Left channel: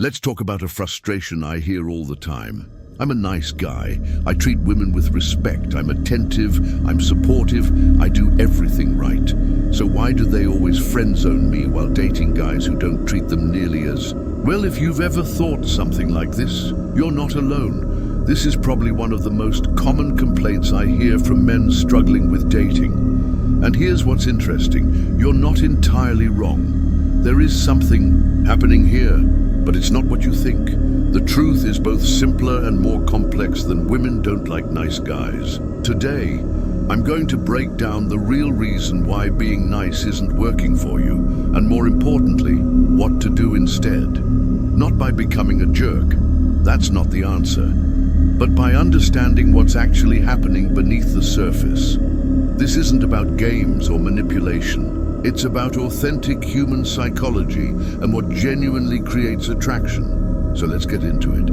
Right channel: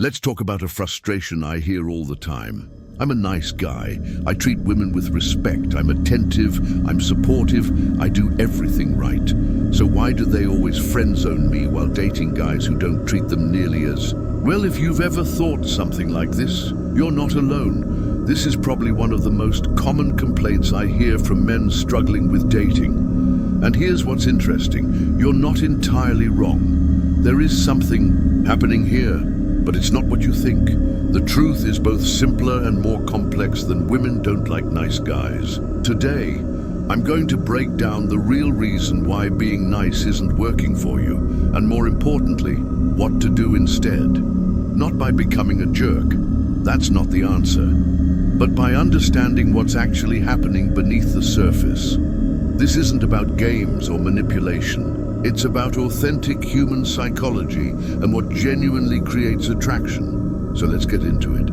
Let's talk about a frustration I hear all the time. I'm a nice guy. I treat women with respect. I'm attentive. I'm supportive. I do everything right. So why do they always friend zone me while dating guys who don't treat them nearly as... Well, if you've ever thought something like this, you're not alone. This is probably one of the most common complaints I hear from men struggling with dating. And here's what's interesting. You're not entirely wrong. There is something happening here, but it's not what you think. The truth is both simpler and more complex than women don't like nice guys. Today, I'm going to break down the real reason why being nice isn't working for you, and more importantly, what to do instead. Not by becoming a jerk, that's not the answer, but by understanding what's actually happening beneath the surface. This isn't about games or manipulation. It's about authentic human psychology and what genuinely creates attraction. So let's get into it.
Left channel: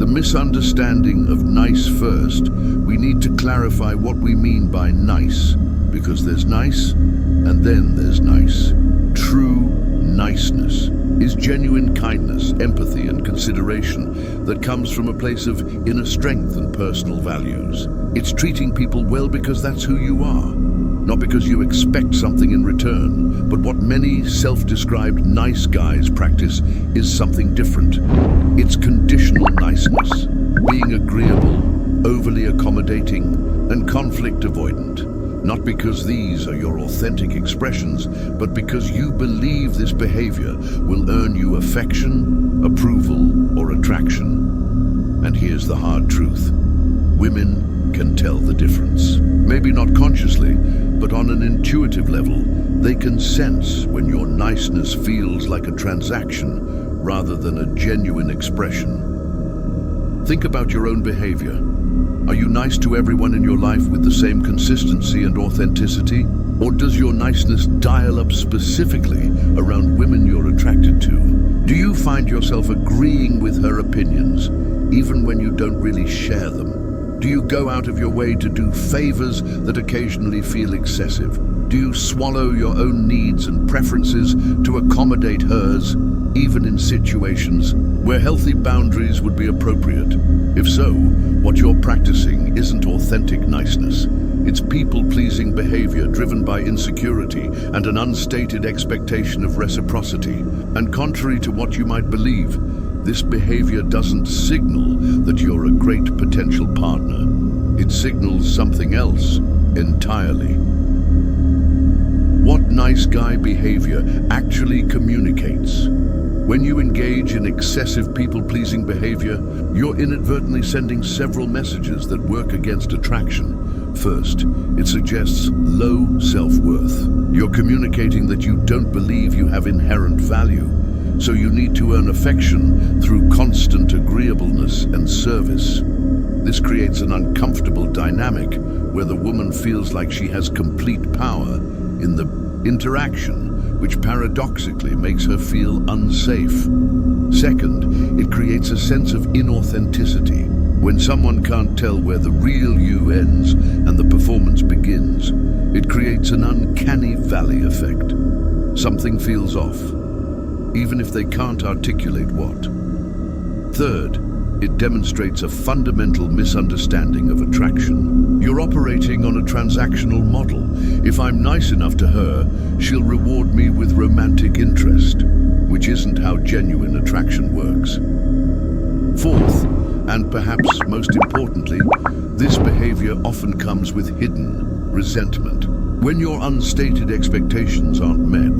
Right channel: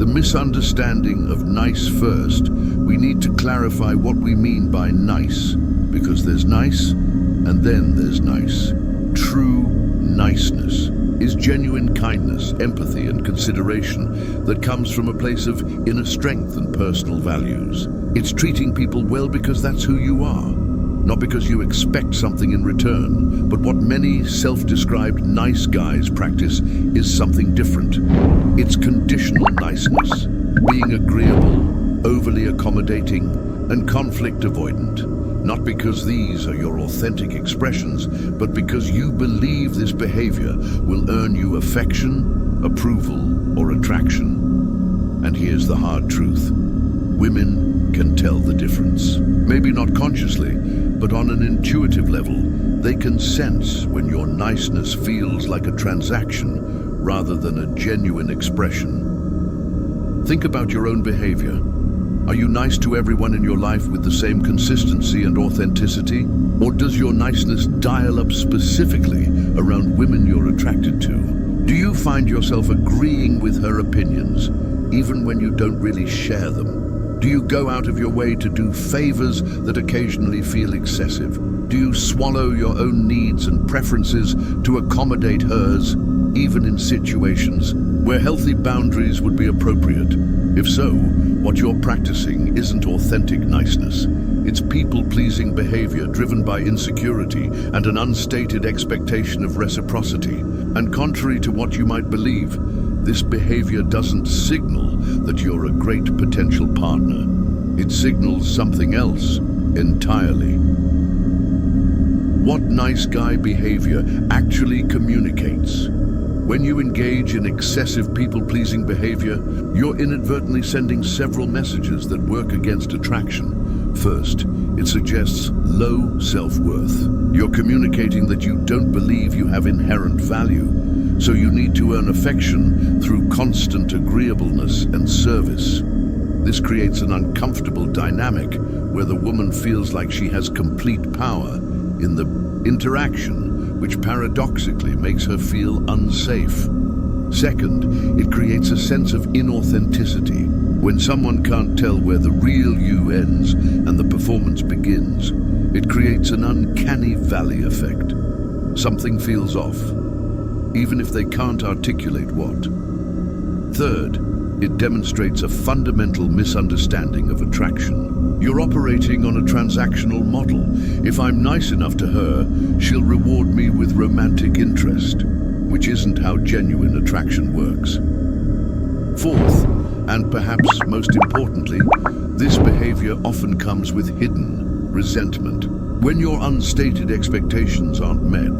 The misunderstanding of nice first. We need to clarify what we mean by nice, because there's nice and then there's nice. True niceness is genuine kindness, empathy, and consideration that comes from a place of inner strength and personal values. It's treating people well because that's who you are. Not because you expect something in return, but what many self-described nice guys practice is something different. It's conditional niceness, being agreeable, overly accommodating, and conflict avoidant. Not because these are your authentic expressions, but because you believe this behavior will earn you affection, approval, or attraction. And here's the hard truth. Women can tell the difference. Maybe not consciously, but on an intuitive level, they can sense when your niceness feels like a transaction rather than a genuine expression. Think about your own behavior. Are you nice to everyone in your life with the same consistency and authenticity? Or does your niceness dial up specifically around women you're attracted to? Do you find yourself agreeing with her opinions, even when you don't really share them? Do you go out of your way to do favors that occasionally feel excessive? Do you swallow your own needs and preferences to accommodate hers, even in situations where healthy boundaries would be appropriate? If so, what you're practicing isn't authentic niceness. It's people-pleasing behavior driven by insecurity and an unstated expectation of reciprocity. And contrary to what you might believe, this behavior doesn't signal that you're a great potential partner. It signals something else entirely. What nice guy behavior actually communicates? When you engage in excessive people-pleasing behavior, you're inadvertently sending several messages that work against attraction. First, it suggests low self-worth. You're communicating that you don't believe you have inherent value. So you need to earn affection through constant agreeableness and service. This creates an uncomfortable dynamic where the woman feels like she has complete power in the interaction, which paradoxically makes her feel unsafe. Second, it creates a sense of inauthenticity. When someone can't tell where the real you ends and the performance begins, it creates an uncanny valley effect. Something feels off, even if they can't articulate what. Third, it demonstrates a fundamental misunderstanding of attraction. You're operating on a transactional model. If I'm nice enough to her, she'll reward me with romantic interest, which isn't how genuine attraction works. Fourth, and perhaps most importantly, this behavior often comes with hidden resentment. When your unstated expectations aren't met,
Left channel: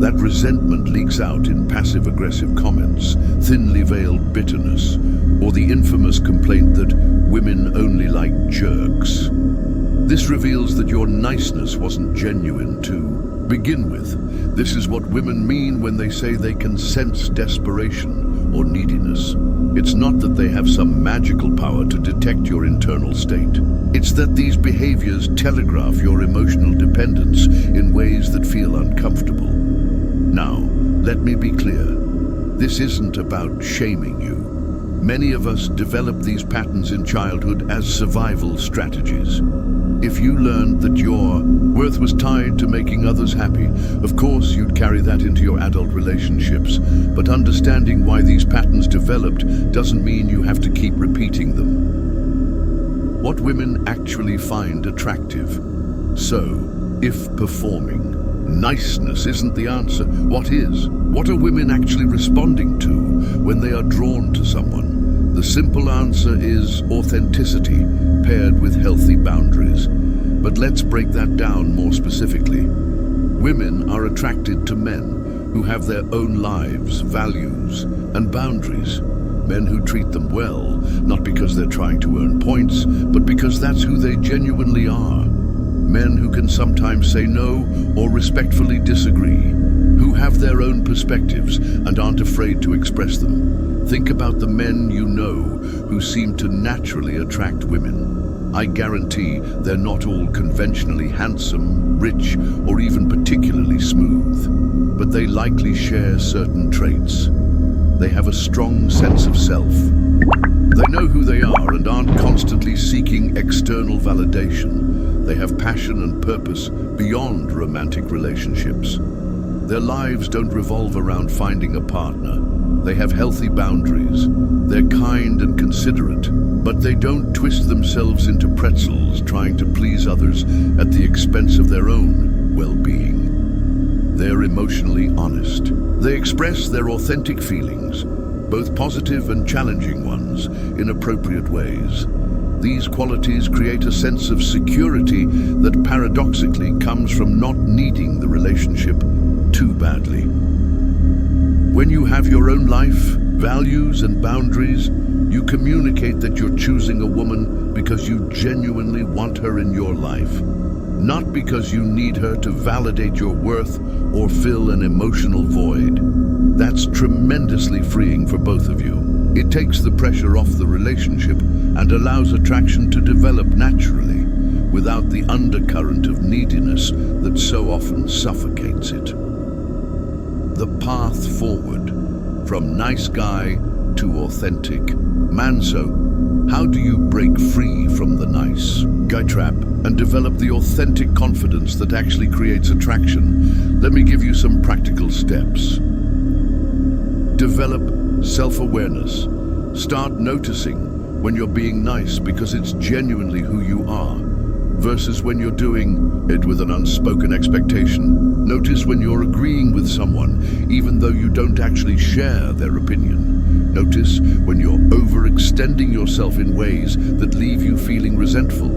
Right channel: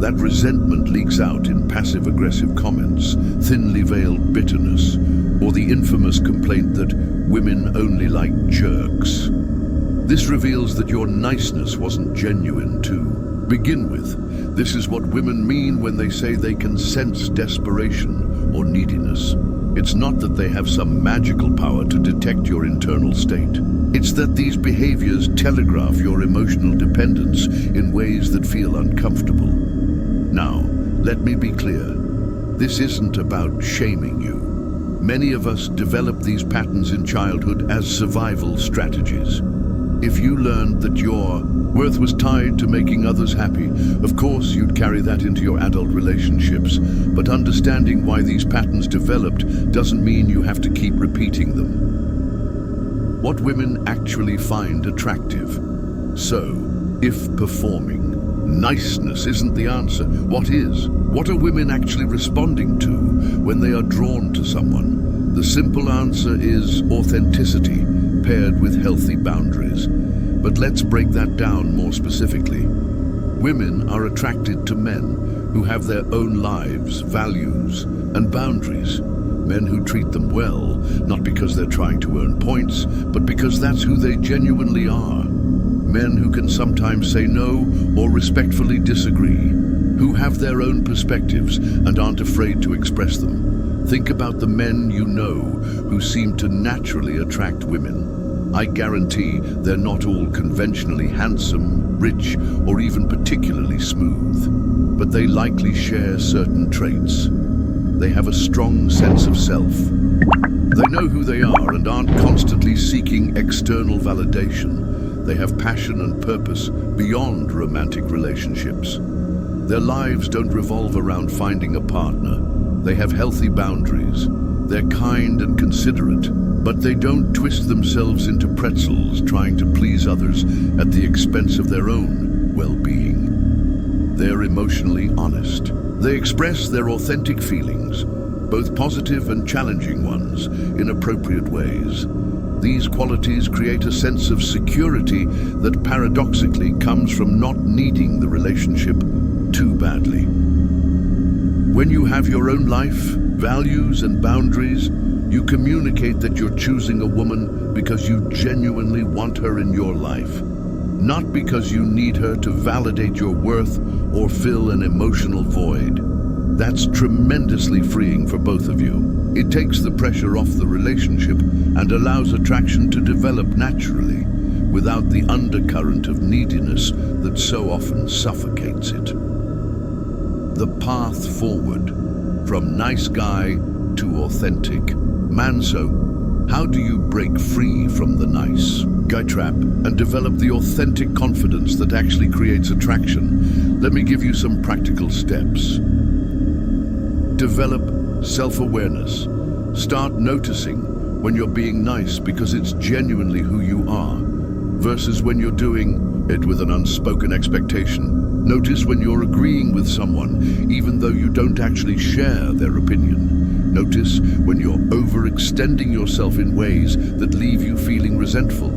that resentment leaks out in passive-aggressive comments, thinly veiled bitterness, or the infamous complaint that women only like jerks. This reveals that your niceness wasn't genuine to begin with. This is what women mean when they say they can sense desperation or neediness. It's not that they have some magical power to detect your internal state. It's that these behaviors telegraph your emotional dependence in ways that feel uncomfortable. Now, let me be clear. This isn't about shaming you. Many of us develop these patterns in childhood as survival strategies. If you learned that your worth was tied to making others happy, of course you'd carry that into your adult relationships. But understanding why these patterns developed doesn't mean you have to keep repeating them. What women actually find attractive. So, if performing niceness isn't the answer, what is? What are women actually responding to when they are drawn to someone? The simple answer is authenticity, paired with healthy boundaries. But let's break that down more specifically. Women are attracted to men who have their own lives, values, and boundaries. Men who treat them well, not because they're trying to earn points, but because that's who they genuinely are. Men who can sometimes say no or respectfully disagree, who have their own perspectives and aren't afraid to express them. Think about the men you know who seem to naturally attract women. I guarantee they're not all conventionally handsome, rich, or even particularly smooth, but they likely share certain traits. They have a strong sense of self. They know who they are and aren't constantly seeking external validation. They have passion and purpose beyond romantic relationships. Their lives don't revolve around finding a partner. They have healthy boundaries. They're kind and considerate, but they don't twist themselves into pretzels trying to please others at the expense of their own well-being. They're emotionally honest. They express their authentic feelings, both positive and challenging ones, in appropriate ways. These qualities create a sense of security that paradoxically comes from not needing the relationship too badly. When you have your own life, values, and boundaries, you communicate that you're choosing a woman because you genuinely want her in your life, not because you need her to validate your worth or fill an emotional void. That's tremendously freeing for both of you. It takes the pressure off the relationship and allows attraction to develop naturally, without the undercurrent of neediness that so often suffocates it. The path forward, from nice guy to authentic. So, how do you break free from the nice guy trap and develop the authentic confidence that actually creates attraction? Let me give you some practical steps. Develop self-awareness. Start noticing when you're being nice because it's genuinely who you are, versus when you're doing it with an unspoken expectation. Notice when you're agreeing with someone, even though you don't actually share their opinion. Notice when you're overextending yourself in ways that leave you feeling resentful.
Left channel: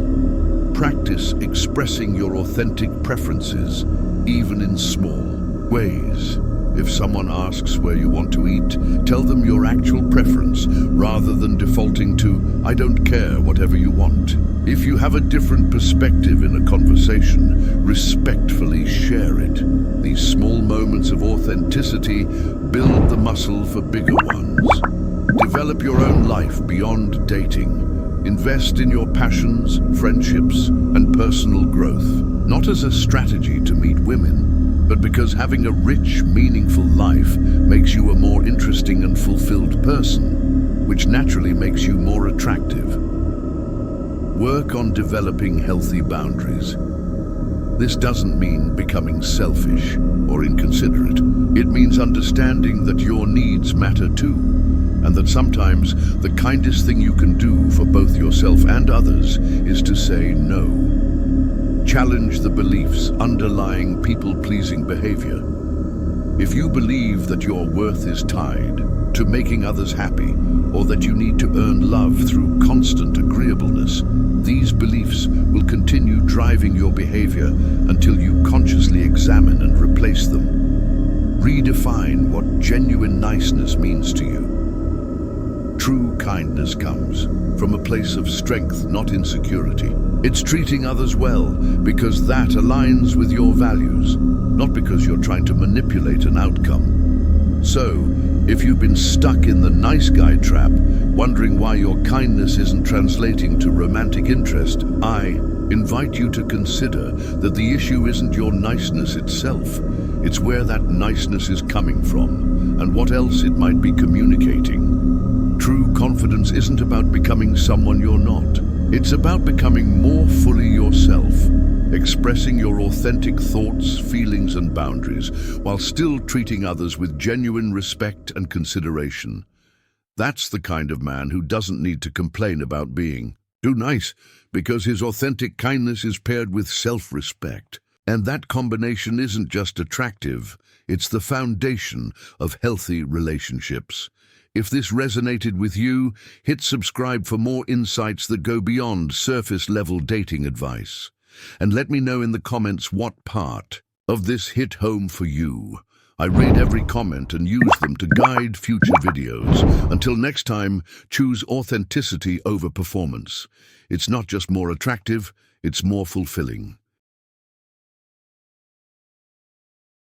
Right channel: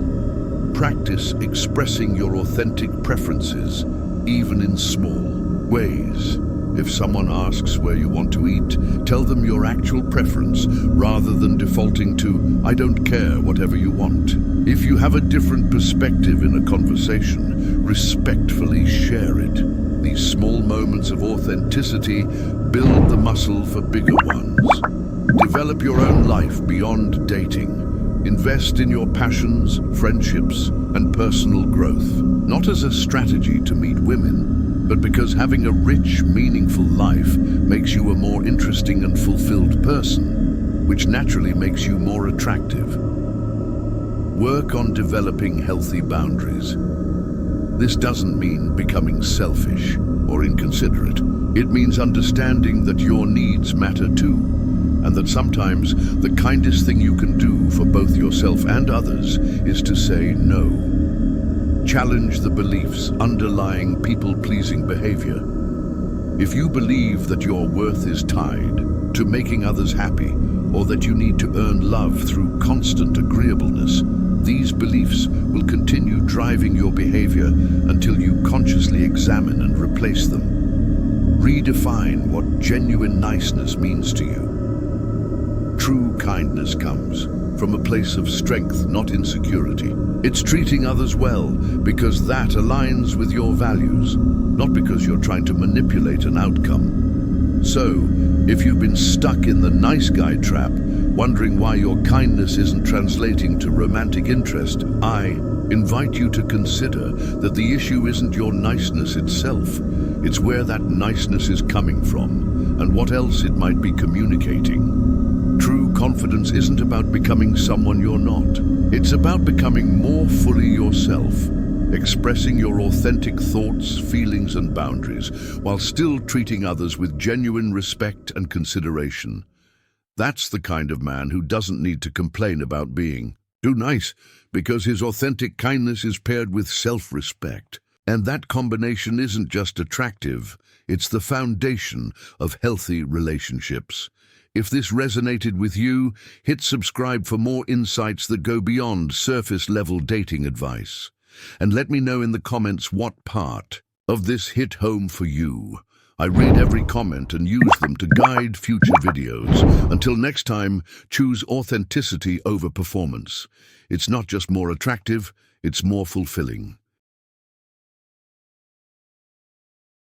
Practice expressing your authentic preferences, even in small ways. If someone asks where you want to eat, tell them your actual preference rather than defaulting to, I don't care, whatever you want. If you have a different perspective in a conversation, respectfully share it. These small moments of authenticity build the muscle for bigger ones. Develop your own life beyond dating. Invest in your passions, friendships, and personal growth, not as a strategy to meet women, but because having a rich, meaningful life makes you a more interesting and fulfilled person, which naturally makes you more attractive. Work on developing healthy boundaries. This doesn't mean becoming selfish or inconsiderate. It means understanding that your needs matter too, and that sometimes the kindest thing you can do for both yourself and others is to say no. Challenge the beliefs underlying people-pleasing behavior. If you believe that your worth is tied to making others happy, or that you need to earn love through constant agreeableness, these beliefs will continue driving your behavior until you consciously examine and replace them. Redefine what genuine niceness means to you. True kindness comes from a place of strength, not insecurity. It's treating others well because that aligns with your values, not because you're trying to manipulate an outcome. So, if you've been stuck in the nice guy trap, wondering why your kindness isn't translating to romantic interest, I invite you to consider that the issue isn't your niceness itself. It's where that niceness is coming from and what else it might be communicating. True confidence isn't about becoming someone you're not. It's about becoming more fully yourself, expressing your authentic thoughts, feelings, and boundaries, while still treating others with genuine respect and consideration. That's the kind of man who doesn't need to complain about being too nice, because his authentic kindness is paired with self-respect. And that combination isn't just attractive, it's the foundation of healthy relationships. If this resonated with you, hit subscribe for more insights that go beyond surface-level dating advice. And let me know in the comments what part of this hit home for you. I read every comment and use them to guide future videos. Until next time, choose authenticity over performance. It's not just more attractive, it's more fulfilling.